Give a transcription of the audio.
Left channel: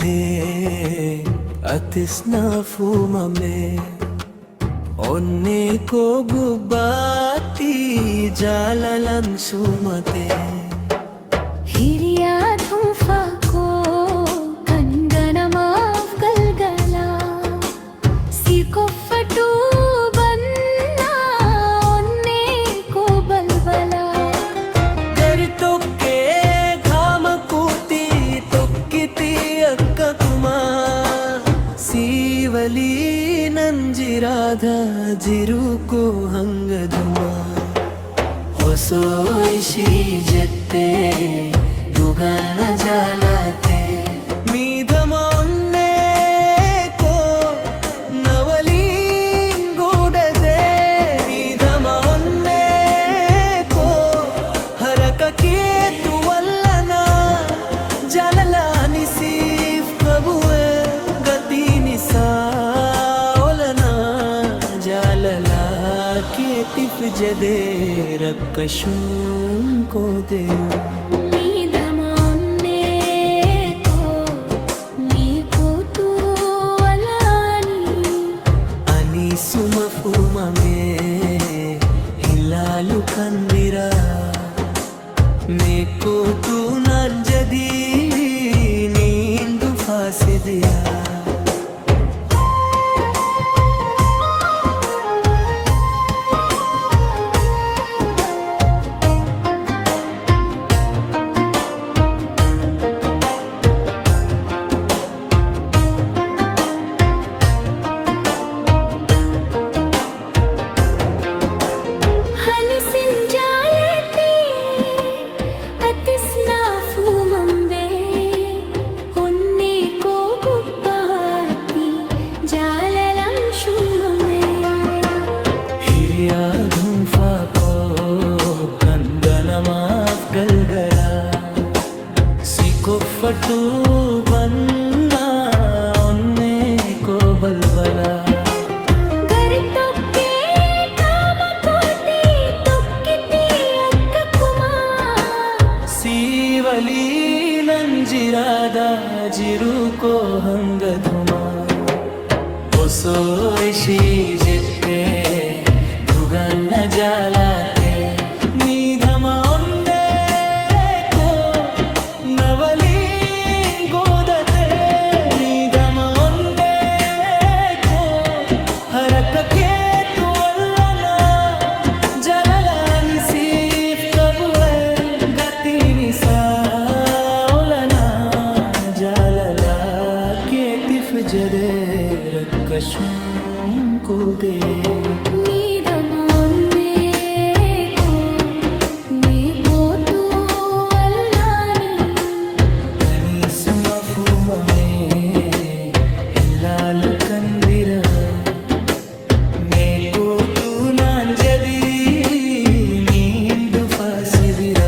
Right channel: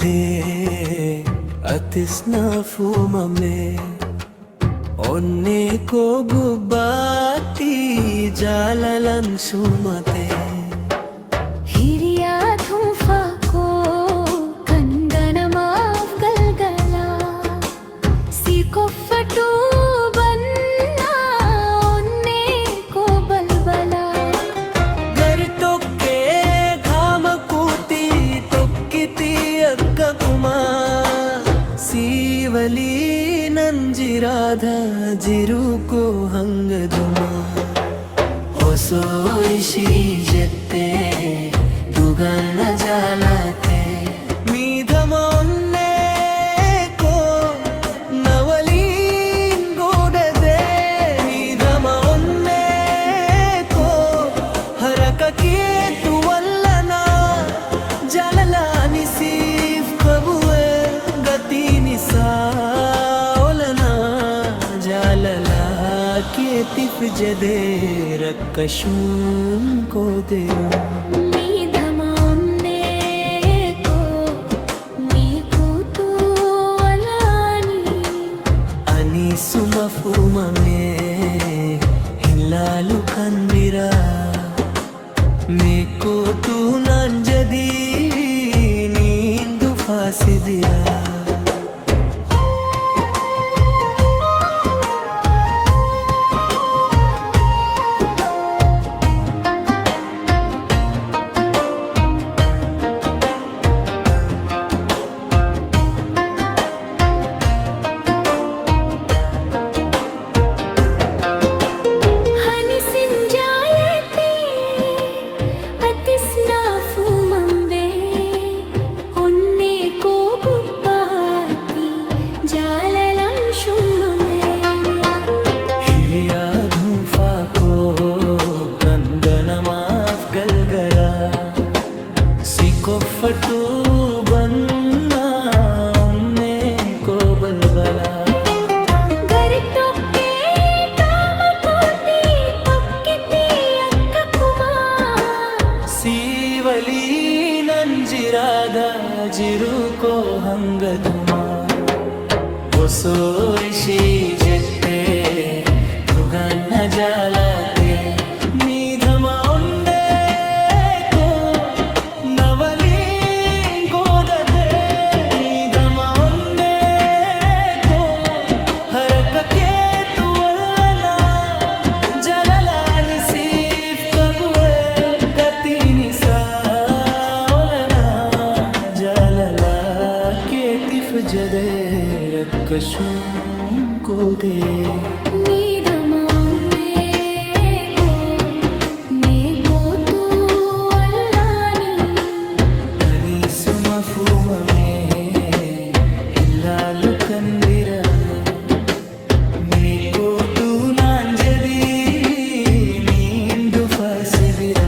थे अतिस्ना फूमा में ओन्ने को गुब्बाती जाललन सुमते हिरिया धूफा को कंगनमाव गलगला सीको फटू बन्ना ओन्ने को बलबला गर तोके घाम कूती तोक्किती अक्का कुमा सीवली ನಂಜಿರಾಧ ಜಿರುಕೋ ಹಂಗದುಮ ಹೊಸೋಯಿಸಿ ಜತ್ತೆ ದುಗನ ಜಾಲತೆ ಮೀಧಮ ಒನ್ನೆ ಕೋ ನವಲೀನ್ ಗೋಡದೆ ಮೀಧಮ ಒನ್ನೆ ಕೋ ಹರಕಕ್ಕೆ ತುವಲ್ಲನ ಜಲಲಾನಿ ಸೀಫ್ ಕಬುವೆ ಗತಿ ನಿಸಾ जालला के तिफ जदे रक्कशूं को दे मी धमाने को नीको तू अलानी अनि सुमफुमा में हिलालु कंदिरा मेको तू नंजदी नींदु फासिदिया जाललम शुम्मे हिरिया धूफा को कंगनमाफ गलगला सीको फटू बन्ना ओन्ने को बलबला गर तोके काम कोती तोक्किती अक्क कुमा सीवली ನಂಜಿರಾದ ಜಿರುಕೋ ಹಂಗದುಮಾ ಹೊಸೋಯಿಸಿ ಜette ದುಗನ್ನ ಜಾಲತೆ ನಿಧಮ ಒನ್ನೆ ಕೋ ನವಲಿ ಗೋದತೆ ನಿಧಮ ಒನ್ನೆ ಕೋ ಹರಕಕ್ಕೆ ತುವಲ್ಲನ ಜಲಲಾನಿ ಸೀಫ್ ಕಬುವೆ ಗತಿ ನಿಸಾ जालला के तिफ जदे रक्कशूं को दे नीदमाने को नीको तू अल्लानी अनि सुमफुम में हिलालु कंदिरा मेको तू नांजदी नींदु फासिबिरा